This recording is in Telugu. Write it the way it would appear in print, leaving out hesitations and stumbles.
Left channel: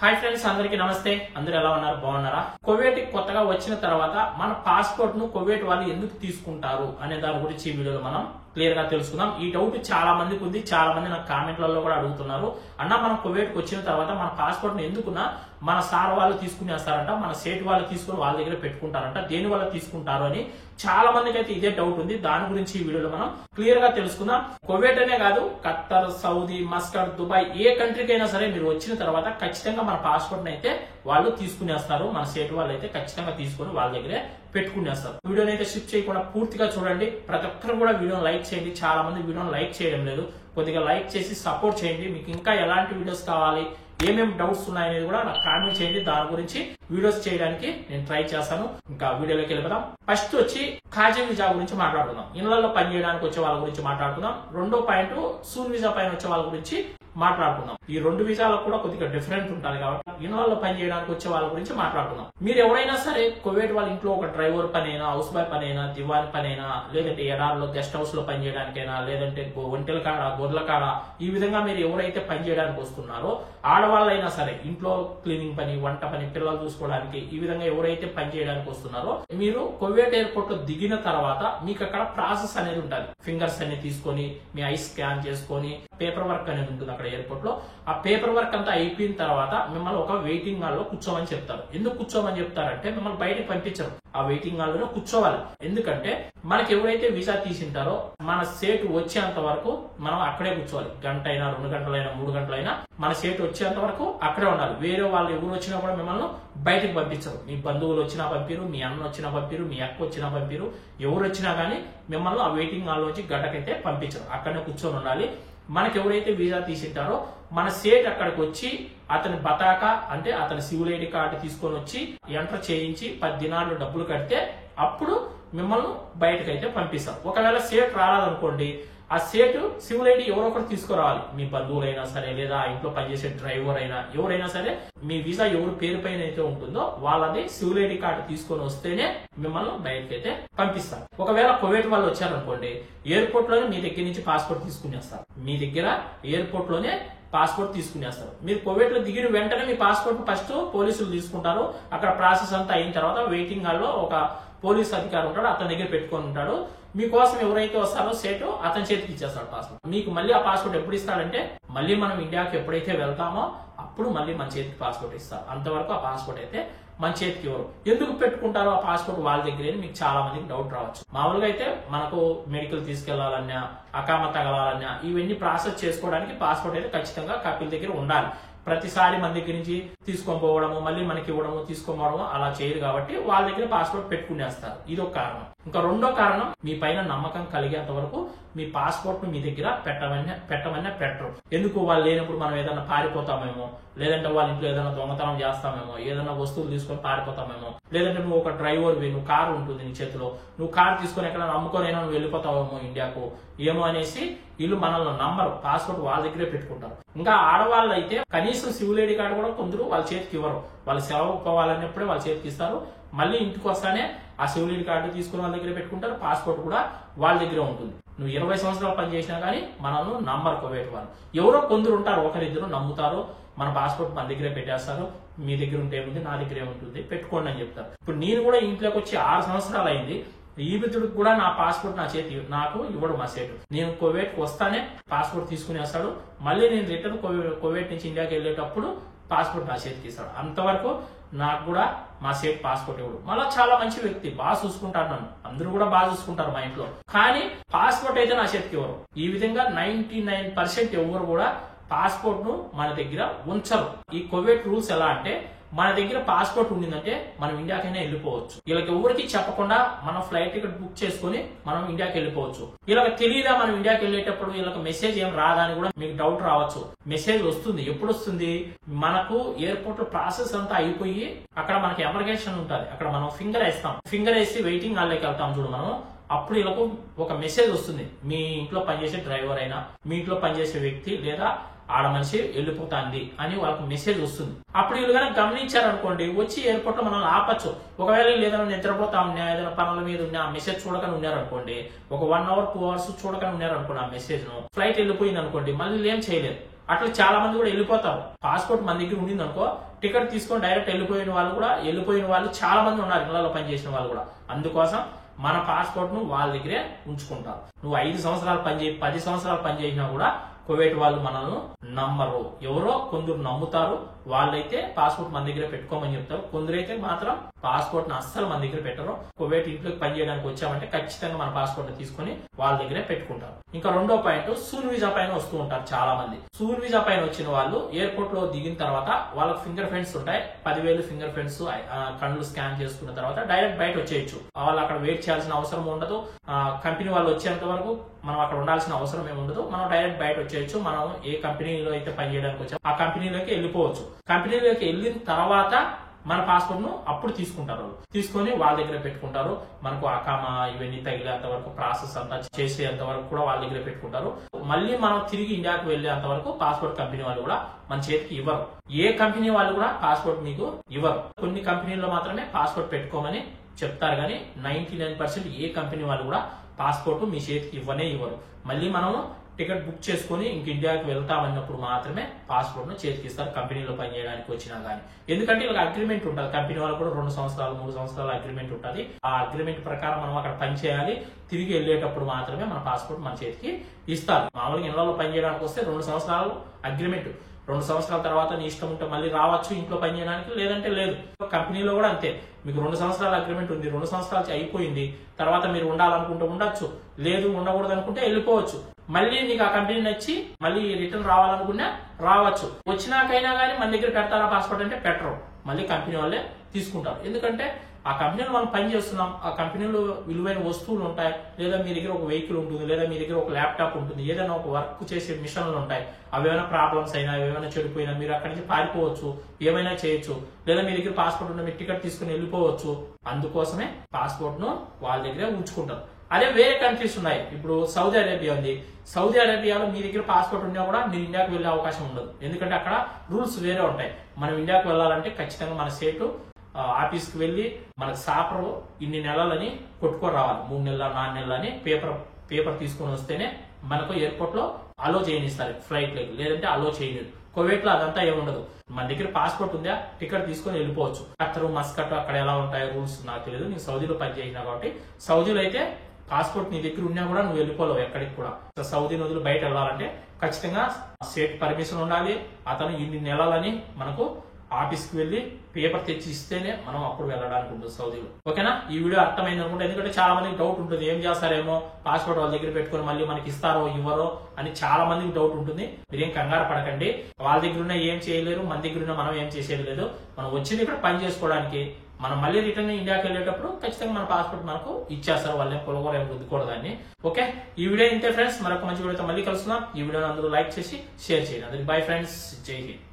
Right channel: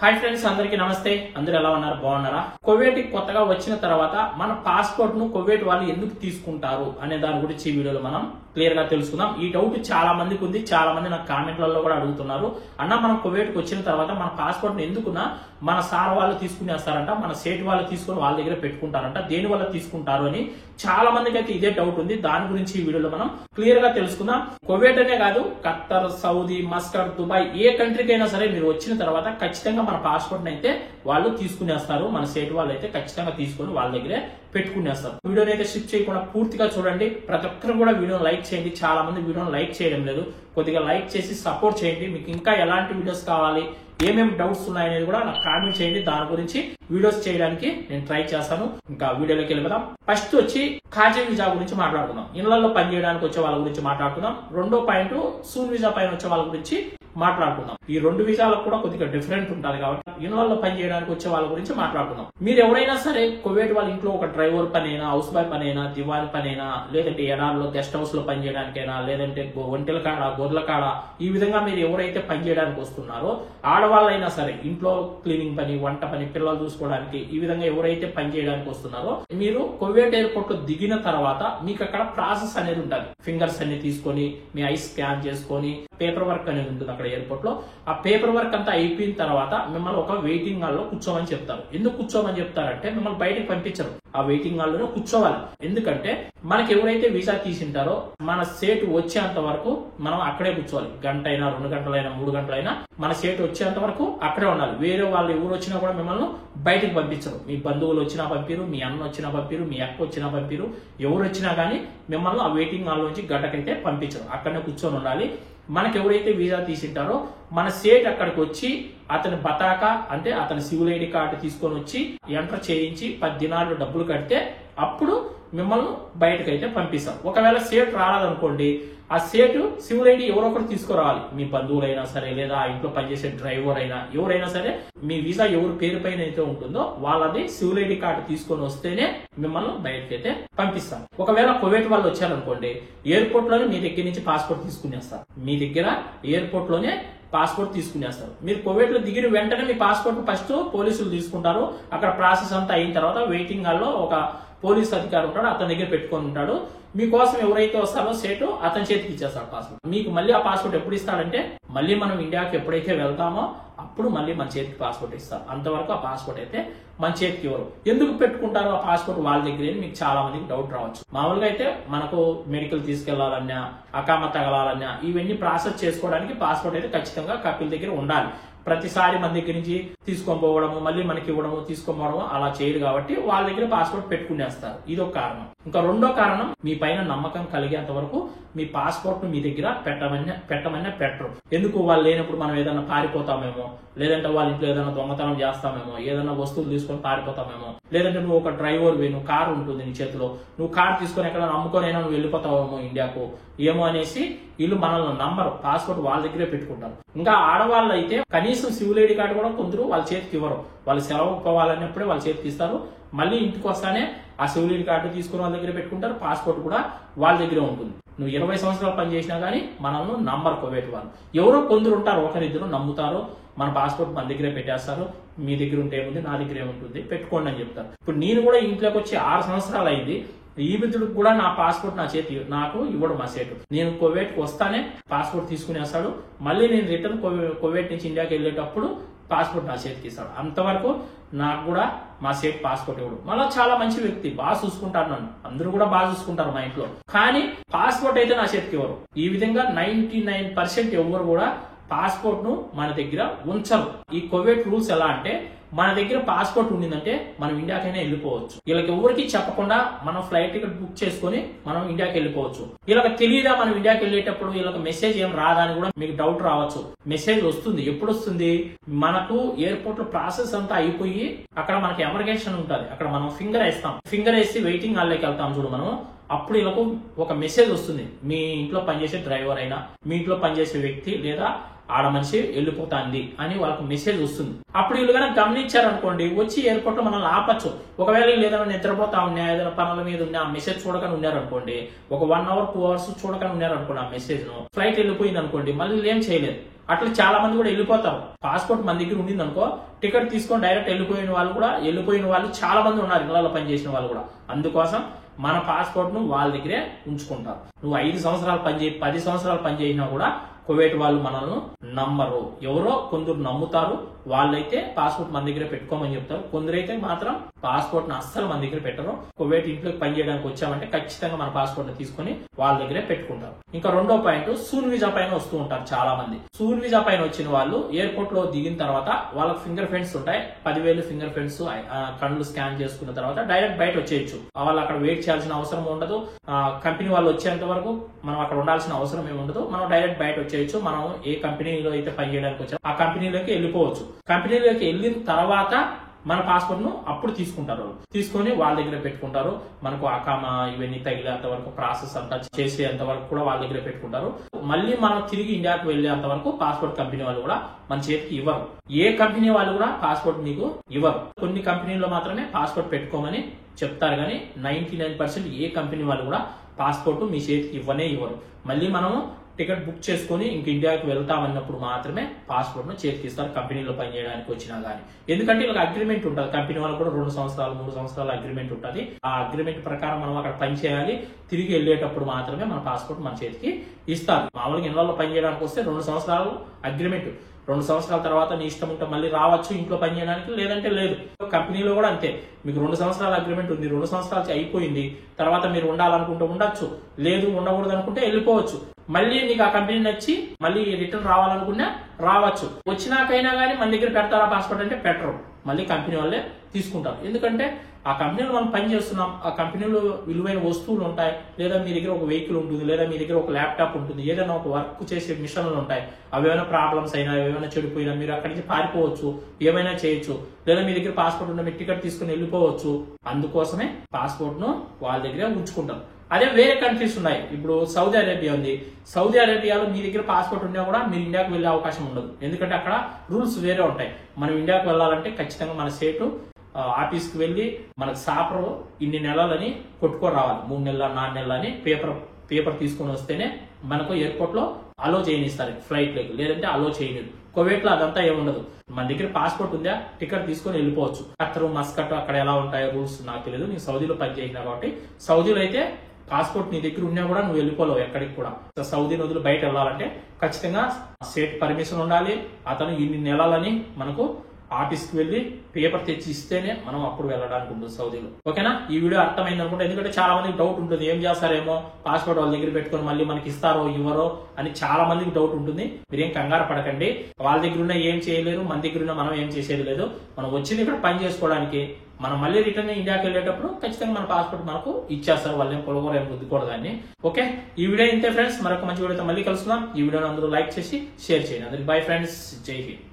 హాయ్ ఫ్రెండ్స్, అందరికీ నమస్తే. అందరూ ఎలా ఉన్నారు? బాగున్నారా? కువైట్ కొత్తగా వచ్చిన తర్వాత మన పాస్పోర్ట్ ను కువైట్ వాళ్ళు ఎందుకు తీసుకుంటారు అనే దాని గురించి ఈ వీడియోలో మనం క్లియర్ గా తెలుసుకుందాం. ఈ డౌట్ చాలా మందికి ఉంది. చాలా మంది నాకు కామెంట్లలో కూడా అడుగుతున్నారు. అన్న, మనం కువైట్ కు వచ్చిన తర్వాత మన పాస్పోర్ట్ ను ఎందుకున్నా మన సార్ వాళ్ళు తీసుకునేస్తారంట, మన సేట్ వాళ్ళు తీసుకుని వాళ్ళ దగ్గర పెట్టుకుంటారంట, దేని వల్ల తీసుకుంటారు అని చాలా మందికి అయితే ఇదే డౌట్ ఉంది. దాని గురించి ఈ వీడియోలో మనం క్లియర్ గా తెలుసుకుందాం. కువైట్ అనే కాదు, ఖత్తర్, సౌదీ, మస్కట్, దుబాయ్ ఏ కంట్రీకి అయినా సరే మీరు వచ్చిన తర్వాత ఖచ్చితంగా మన పాస్పోర్ట్ అయితే వాళ్ళు తీసుకునేస్తారు. మన సేట్ వాళ్ళు అయితే ఖచ్చితంగా తీసుకుని వాళ్ళ దగ్గరే పెట్టుకునేస్తారు. వీడియోని అయితే స్కిప్ చేయకుండా పూర్తిగా చూడండి. ప్రతి ఒక్కరు కూడా వీడియోని లైక్ చేయండి. చాలా మంది వీడియోని లైక్ చేయడం లేదు. కొద్దిగా లైక్ చేసి సపోర్ట్ చేయండి. మీకు ఇంకా ఎలాంటి వీడియోస్ కావాలి, ఏమేమి డౌట్స్ ఉన్నాయనేది కూడా నాకు కామెంట్ చేయండి. దాని గురించి వీడియోస్ చేయడానికి నేను ట్రై చేస్తాను. ఇంకా వీడియోలోకి వెళ్ళిపోదాం. ఫస్ట్ వచ్చి ఖాజీ వీసా గురించి మాట్లాడుకుందాం. ఇళ్లలో పనిచేయడానికి వచ్చే వాళ్ళ గురించి మాట్లాడుకుందాం. రెండో పాయింట్ సూన్ వీసా పైన వచ్చే వాళ్ళ గురించి మాట్లాడుకుందాం. ఈ రెండు వీసాలకు కూడా కొద్దిగా డిఫరెంట్ ఉంటుంది కాబట్టి ఇళ్లలో పని చేయడానికి వచ్చే వాళ్ళ గురించి మాట్లాడుకుందాం. మీరు ఎవరైనా సరే కువైట్ వాళ్ళ ఇంట్లో ఒక డ్రైవర్ పని అయినా, హౌస్ బాయ్ పని అయినా, దివాని పని అయినా, లేదంటే ఎడార్లో గెస్ట్ హౌస్ లో పని చేయడానికైనా, లేదంటే ఒంటెల కాడ, గొర్రెల కాడ, ఈ విధంగా మీరు ఎవరైతే పని చేయడానికి వస్తున్నారో ఆడవాళ్ళైనా సరే ఇంట్లో క్లీనింగ్ పని, వంట పని, పిల్లలు చూసుకోవడానికి, ఈ విధంగా ఎవరైతే పని చేయడానికి వస్తున్నారో మీరు కువైట్ ఎయిర్పోర్ట్ లో దిగిన తర్వాత మీకు అక్కడ ప్రాసెస్ అనేది ఉంటుంది. ఫింగర్స్ అన్ని తీసుకొని మీ ఐస్ స్కాన్ చేసుకొని పేపర్ వర్క్ అనేది ఉంటుంది అక్కడ ఎయిర్పోర్ట్ లో. ఆ పేపర్ వర్క్ అంతా అయిపోయిన తర్వాత మిమ్మల్ని ఒక వెయిటింగ్ హాల్ లో కూర్చోమని చెప్తారు. ఎందుకు కూర్చోమని చెప్తారంటే మిమ్మల్ని బయటకు పంపించరు. ఆ వెయిటింగ్ హాల్ లోనే కూర్చోవాలి. ఎందుకంటే మనకి ఎవరైతే వీసా తీసింటారో మన సేట్ వచ్చేంత వరకు మనం అక్కడే కూర్చోవాలి. గంట అయినా, 2 గంటలైనా, 3 గంటలైనా మన సేట్ వచ్చేంత వరకు అక్కడే ఉండాలి. వేరే వాళ్ళు ఎవరు వచ్చినా కూడా మిమ్మల్ని బయటకు పంపించరు. మీ బంధువులు వచ్చినా పంపిరు, మీ అన్న వచ్చినా పంపిరు, మీ అక్క వచ్చినా పంపిరు, ఎవరు వచ్చినా గానీ మిమ్మల్ని ఆ వెయిటింగ్ హాల్ నుంచి గంటకైతే పంపించరు. అక్కడనే కూర్చొని ఉండాలి. మనకి ఎవరైతే వీసా తీసింటారో మన సేట్ అక్కడికి వచ్చి అతని బతాకా అంటే అతని సివిల్ ఐడి కార్డు తీసుకొని వచ్చి ఎంటర్ చేయించి 10 దినాలు డబ్బులు కడితే అప్పుడు మిమ్మల్ని బయటకైతే పంపిస్తారు. ఒకవేళ సేట్ రాలేదనుకోండి, ఆ సేటు సివిల్ ఐడి ఎవరో ఒకరు తీసుకురావాలి. మీ బంధువులైనా సరే, లేదా ఆ ఇంట్లో పనిచేసే డ్రైవర్ అయినా, ఎవరైనా సరే మీ వీసా ఎవరు పేరు పైన అయితే ఉంటుందో వాళ్ళది సివిల్ ఐడి కార్డు తీసుకొని వస్తేనే మిమ్మల్ని బయటకైతే పంపిస్తారు. ఒకవేళ కువైట్ వాళ్ళు వచ్చారనుకోండి, ఎయిర్పోర్ట్ లోనే మీ దగ్గర నుంచి పాస్పోర్ట్ తీసుకునేస్తారు. మీ దగ్గర ఎయిర్పోర్ట్ లోనే పాస్పోర్ట్ తీసుకునేస్తారు. మీరు కువైట్ లో దిగిన వెంటనే మీ పాస్పోర్ట్ ఫస్ట్ పోలీసులు తీసుకుంటారు. అక్కడ ప్రాసెస్ అంతా అయిన తర్వాత వెయిటింగ్ హాల్ లో ఒక పోలీస్ అధికారి ఉంటాడు, అతని దగ్గర పెట్టుకొని ఉంటాడు. మీకోసం ఎవరైతే వస్తారో సేటు అతని చేతికి ఇచ్చేస్తాడు పాస్పోర్ట్. మీకు మళ్ళీ ఆ పాస్పోర్ట్ ఎప్పుడు ఇస్తాడంటే మళ్ళీ మనం ఇండియాకి ఎప్పుడైతే వెళ్తామో అప్పుడు మళ్ళీ మన చేతికి పాస్పోర్ట్ ఇస్తారు. అంతవరకు ఆ పాస్పోర్ట్ అయితే మన చేతికి ఇవ్వరు. ఎందుకు పెట్టుకుంటారో ఆ పాస్పోర్ట్ వాళ్ళ దగ్గర మీకు చాలా మందికి డౌట్ రావచ్చు. మామూలుగా అయితే మనకు మెడికల్ తీసుకెళ్లాలన్నా, అకామ తగలాలన్నా, ఇవన్నీ ప్రాసెస్ చేసుకోవడానికి పాస్పోర్ట్ అయితే ఖచ్చితంగా కపిల్ దగ్గర ఉండాలి. ప్రతిసారి మన దగ్గర నుంచి తీసుకొని పోవడము, మళ్ళీ మనకి ఇవ్వడము, తీసుకొని పోవడము అలా చేయదు కాబట్టి వాళ్ళ దగ్గర పాస్పోర్ట్ పెట్టుకునేస్తారు. ఇదొక కారణం. ఇంకా రెండో కారణం, మీ పైన నమ్మకం కలిగేంత వరకు మీ పాస్పోర్ట్ ను మీ దగ్గర పెట్టమన్నా పెట్టరు. ఎందుకు? వాళ్ళు లేనప్పుడు మనం ఏదైనా పారిపోతామేమో, లేదంటే వాళ్ళ ఇంట్లో ఏదైనా దొంగతనం చేస్తామేమో, ఏదైనా వస్తువులు తీసుకొని పారిపోతామేమో, లేదంటే నువ్వు ఒక డ్రైవర్ నువ్వు కారు ఉంటుంది నీ చేతిలో, నువ్వు కారు తీసుకొని ఎక్కడ అమ్ముకొనైనా నువ్వు వెళ్ళిపోతావేమో ఇండియాకు ఏమో అనేసి వీళ్ళు మనల్ని నంబరు. పాస్పోర్ట్ వాళ్ళ దగ్గరే పెట్టుకుంటారు. ఇంకా ఆడవాళ్ళు అయితే కనీసం సివిల్ ఐడి కార్డు కూడా కొందరు వాళ్ళ చేతికి ఇవ్వరు. వాళ్ళు సెలవు పోవాలన్నప్పుడే వాళ్ళ చేతికి ఇస్తారు. మళ్ళీ ఇంటికి వస్తానే ఆ సివిల్ ఐడి కార్డు తీసుకుని వాళ్ళ దగ్గర పెట్టుకుంటారు. పాస్పోర్ట్ కూడా వాళ్ళ దగ్గరే ఉంటుంది. నువ్వు 20 సంవత్సరాలు పనిచేసినా గానీ మనల్ని నంబర్ కువైట్ వాళ్ళు. ఎవరో కొందరు ఉంటారు, ఒకరిద్దరు నమ్ముతారు, మన పాస్పోర్ట్ మన దగ్గరే పెట్టేస్తారు. మీ దగ్గర ఉంటే ఏముంది, నా దగ్గర ఏముంటుంది, పెట్టుకోండి అని చెప్తారు. ఇప్పుడు నేను కూడా ఇంట్లోకి వచ్చి 6 సంవత్సరాలు అయింది. ఈ మిత్రుడికి కూడా నా పాస్పోర్ట్ నాకు ఇవ్వడు మా సేటు. నేను కువైట్ కు వస్తానే పాస్పోర్ట్ తీసుకుని వస్తాడు. మళ్ళీ నేను రిటర్న్ కువైట్ నుంచి ఇండియాకి వెళ్ళేటప్పుడు పాస్పోర్ట్ నా చేతికి ఇస్తాడు. అంతవరకు నాకు కూడా మా సేట్ పాస్పోర్ట్ ఇవ్వడు. మళ్ళీ చాలా మంచి వ్యక్తి, బాగా చూసుకుంటారు నన్ను. అందరూ కూడా బాగా చూసుకుంటారు మా ఇంట్లో. కానీ పాస్పోర్ట్ అయితే నా చేతికి ఇవ్వరు. ఈ విధంగా 99% ఎవరు కూడా పాస్పోర్ట్ ను మన దగ్గర ఉంచరు. ఈ కువైట్ రూల్స్ ఎలా అంటే, మన దగ్గర పాస్పోర్ట్ ఉండిందంటే మనం ఇండియాకైనా వెళ్ళిపోవచ్చు. వీళ్ళకి ఎవరికి చెప్పకుండా మనం ఫ్లైట్ టికెట్ బుక్ చేసుకుని మనం ఇండియాకి వెళ్ళిపోవచ్చు. వీళ్ళకి తెలియదా మనం ఇండియాకి వెళ్ళేటప్పుడు వీళ్ళకి మెసేజ్ ఏం రాదా అని కూడా మీకు డౌట్ రావచ్చు. మెసేజ్ వస్తుంది. ఎప్పుడు వస్తుంది? మనకు ఎయిర్పోర్ట్ లో ప్రాసెస్ అంతా అయిపోయి అక్కడ మనకి ఎమర్గేషన్ ఉంటుంది. అక్కడ మనం ఫింగర్ వేస్తాం. ఫింగర్ వేసి వెయిటింగ్ హాల్ లోకి వెళ్తాం చూడు మనం. అప్పుడు వీళ్ళకు ఒక మెసేజ్ వస్తుంది. మీ ఇంట్లో పనిచేసే డ్రైవర్ అయినా, మీ ఇంట్లో పనిచేసే వ్యక్తి లేదా ఆడ మనిషి వెళ్ళిపోతాంది అని వాళ్ళకి మెసేజ్ వస్తుంది. అప్పుడు వీళ్ళు కనుక గమనించారనుకోండి, వచ్చి ఎయిర్పోర్ట్ లో మనల్ని ఆపచ్చు. ఒకవేళ వీళ్ళు ఏదైనా నిద్రపోతా ఉన్నా, ఏదైనా పనుల మీద ఉన్నా, ఆ మెసేజ్ చూడకని ఉన్నారనుకోండి, ఒక 1 hour 2 hours చూడకని ఉన్నారనుకోండి, ఆ మెసేజ్ ను ఫ్లైట్ వెళ్ళిపోయింది అనుకోండి, మళ్ళీ ఏం చేయలేదు. అట్లా చాలా మంది కూడా వెళ్ళిపోతారు. పాస్పోర్ట్ మన దగ్గర ఉండింది అనుకో, టికెట్ తీసుకొని డైరెక్ట్ వెళ్ళిపోయిన వాళ్ళు చాలా మంది ఉన్నారు, ఇళ్లలో పనిచేసిన వాళ్ళు కూడా. అందుకోసం మన పాస్పోర్ట్ ను వాళ్ళ దగ్గరే ఉంచుకుంటారు. నువ్వు 5 సంవత్సరాలు పనిచేయి, 10 సంవత్సరాలు పనిచేసినా కూడా కువైట్ వాళ్ళు మనల్ని నమ్మరు. ఎవరో కొందరు నమ్ముతారు, వాళ్ళైతే పాస్పోర్ట్ మన దగ్గర పెట్టుకోమని చెప్తారు. కొందరైతే మాత్రం పాస్పోర్ట్ ను అస్సలు మన దగ్గర పెట్టరు. కువైట్ ఇంట్లోకి పని చేయడానికి వచ్చామంటే ఖచ్చితంగా మన పాస్పోర్ట్ ని తీసుకుని వాళ్ళ దగ్గరే పెట్టుకుంటారు. ఇంకా రెండో పాయింట్, సూన్ వీజా పైన వస్తూ ఉంటారు చాలా మంది. సూన్ వీజా పైన వచ్చిన వాళ్ళు ఎయిర్పోర్ట్ లో దిగిన తర్వాత వాళ్ళకి ఫింగర్ ప్రింట్స్ ఉంటాయి. 10,000 ఫింగర్ ప్రింట్స్ కళ్ళు స్కాన్ చేసుకున్న తర్వాత డైరెక్ట్ బయట వచ్చేయచ్చు. వాళ్ళు అక్కడ వెయిట్ చేయాల్సిన అవసరం ఉండదు. కంపెనీ వాళ్ళు వచ్చేంత వరకు మనం అక్కడ ఉండాల్సిన అవసరం ఏమి ఉండదు. మనం డైరెక్ట్ బయట వచ్చేయచ్చు. మనం ఏ కంపెనీలో అయితే పని చేయడానికి వచ్చామో ఆ కంపెనీలోకి వెళ్ళిపోవచ్చు. కంపెనీలోకి వెళ్ళిన తర్వాత మన పాస్పోర్ట్ ను అప్పుడు తీసుకుంటారు. తీసుకొని వాళ్ళ దగ్గర పెట్టుకుంటారు. మనకు అకామా ఇవన్నీ తగిలేంత వరకు, ప్రాసెస్ అంతా చేసేంత వరకు కూడా వాళ్ళ దగ్గర పెట్టుకుంటారు. మళ్ళీ మనం తిరిగి ఇండియాకు వెళ్లేంత వరకు పాస్పోర్ట్ కంపెనీ వాళ్ళు కూడా మన చేతికి ఇవ్వరు. ఏ కంపెనీ వాళ్ళు కూడా పాస్పోర్ట్ మీకు ఇవ్వరు. కొన్ని కంపెనీల్లో మాత్రమే పాస్పోర్ట్ పెట్టుకోమని చెప్తారు, కానీ 99% ఏ కంపెనీ వాళ్ళు కూడా పాస్పోర్ట్ మీ చేతికి ఇవ్వరు. మళ్ళీ మనము టికెట్ బుక్ చేసుకుని ఇంక ఇండియాకి వెళ్తామన్నప్పుడు మాత్రమే పాస్పోర్ట్ ను చేతికి ఇస్తారు, కంపెనీలో పనిచేయడానికి వచ్చినా గానీ. ఎందుకంటే ఇలా అగ్రిమెంట్ ఉంటుంది. కంపెనీ వాళ్ళు కూడా 2 సంవత్సరాలు 3 సంవత్సరాల అగ్రిమెంట్ ఉంటుంది. ఆ అగ్రిమెంట్ ప్రకారం మనం అక్కడ పని చేయాలి. తిరిగి వెళ్లేటప్పుడు మాత్రమే మన పాస్పోర్ట్ మన చేతికి ఇస్తారు. మామూలుగా ఇళ్లలో పని చేయడానికి వస్తే 2 సంవత్సరాలు అగ్రిమెంట్. 2 సంవత్సరాల తర్వాత నీ ఇష్టం ఉంటే మళ్ళీ రావచ్చు ఇంట్లో పని చేయడానికి, లేదంటే లేదు. కంపెనీలో కూడా అంతే. మీకు 2 సంవత్సరాల అగ్రిమెంట్ ఉంది, 2 సంవత్సరాలు అయిపోయింది, తర్వాత మీరు ఉండాలనుకుంటే ఉండొచ్చు, లేదు ఉండకూడదు అనుకుంటే వెళ్ళిపోవచ్చు. మళ్ళీ నీకు ఆ కంపెనీ నచ్చి మళ్ళీ రిటర్న్ రావాలనుకున్నా రావచ్చు. వచ్చినాకైనా కానీ మన దగ్గర పెడతారా పాస్పోర్ట్ అంటే పెట్టరు. మళ్ళీ కంపెనీ వాళ్ళే తీసుకుంటారు. ఎందుకంటే ఆ కంపెనీలో మనం పని చేస్తున్నాం, ఆ కంపెనీలో విలువైన వస్తువులు ఉంటాయి, లేదా మీ దగ్గర ఒక వెహికల్ ఉంటుంది, లేదా మీ దగ్గర ఒక ల్యాప్టాప్ ఉంటుంది, ఏదైనా ఒక వర్క్ చేసే మిషన్లు ఉంటాయి. అవేమైనా ప్రాబ్లమ్స్ అయినా, ఏమైనా చెడిపోయినా మీరు అక్కడి నుంచి పారిపోవచ్చు, ఏమైనా చేయొచ్చు. లేదా మీ దగ్గర పాస్పోర్ట్ ఉంటే మీరు టికెట్ తీసుకుని వెళ్ళిపోవచ్చు. అందుకోసమే పాస్పోర్ట్ ను వాళ్ళ దగ్గర ఉంచుకుంటారు. అదే వేరే కంట్రీస్ ఉన్నాయి. ఇప్పుడు సౌదీ అరేబియా ఉంది. సౌదీ అరేబియాలో మీ దగ్గర పాస్పోర్ట్ ఉన్నా కూడా మీరు ఇండియాకు వెళ్లే అవకాశం ఉండదు. ఎందుకంటే అక్కడ రూల్స్ వేరే ఉంటాయి. మనం ఇండియాకు వెళ్లాలంటే ఖచ్చితంగా మన స్టేట్ ఆఫీస్ కి వెళ్లి మనకు సాపర్ ఇన్ని నెలలని కొట్టుకొని రావాలి. 3 నెలల 4 నెలల అని పేపర్ తీసుకొని వస్తేనే మనకు ఎయిర్పోర్ట్ లో అలో చేయనిస్తారు ఫ్లైట్ లకి, లేదంటే అలో చేయలేదు. కువైట్ లో అదంతా ఏముండదు. మన దగ్గర పాస్పోర్ట్ ఉందా, టికెట్ తీసుకొని వెళ్ళిపోవచ్చు. ఖత్తర్, మస్కట్ అక్కడ ఎలా ఉంటాయో రూల్స్ నాకు తెలియదు. నేను సౌదీలో పనిచేసిన కాబట్టి సౌదీలో అయితే పాస్పోర్ట్ నీ దగ్గర ఉన్నా కూడా నువ్వు వెళ్ళిపోలేవు ఎక్కడికి కూడా. సౌదీ నదులు బయట వెళ్ళాలంటే ఖచ్చితంగా స్టేట్ పర్మిషన్ ఉండాలి. అతను ఇన్ని నెలలని మనకు ఆఫీస్ కి వెళ్లి పేపర్ తెచ్చి ఇస్తేనే మనం అప్పుడు వెళ్ళడానికి ఉంటుంది సౌదీలో. ఓకేనా? ఈ వీడియో అర్థమైంది అనుకుంటే, ఎందుకంటే చాలా మందికి డౌట్ ఉంటుంది, ఏం చేస్తారేమో పాస్పోర్ట్ వాళ్ళ దగ్గర పెట్టుకుని మళ్ళీ మనకి ఇస్తారో ఇవ్వరో అని చాలా మందికి డౌట్ ఉంటుంది. మీరేం కంగారు పడకండి. వాళ్ళ దగ్గర ఉన్న ఏం చేయలేరు, మన దగ్గర ఉన్న మనం ఏం చేసేది లేదు. మనం వచ్చింది ఇక్కడ పని చేసుకోవడానికి. మనం మళ్ళీ రిటర్న్ ఇండియాకి వెళ్ళేటప్పుడు ఖచ్చితంగా మన పాస్పోర్ట్ మనకు ఇచ్చేస్తారు. వాళ్ళేం పొలగోరు ఏం రుద్దుకూడదాన్ని. ఓకే, ఈ వీడియో ఇంతే ఫ్రెండ్స్. మరొక మంచి వీడియోతో మళ్ళీ కలుసుకుందాం. ఈ వీడియోని అందరూ లైక్ చేసి షేర్ చేయండి. అందరికి బై ఫ్రెండ్స్, జై హింద్.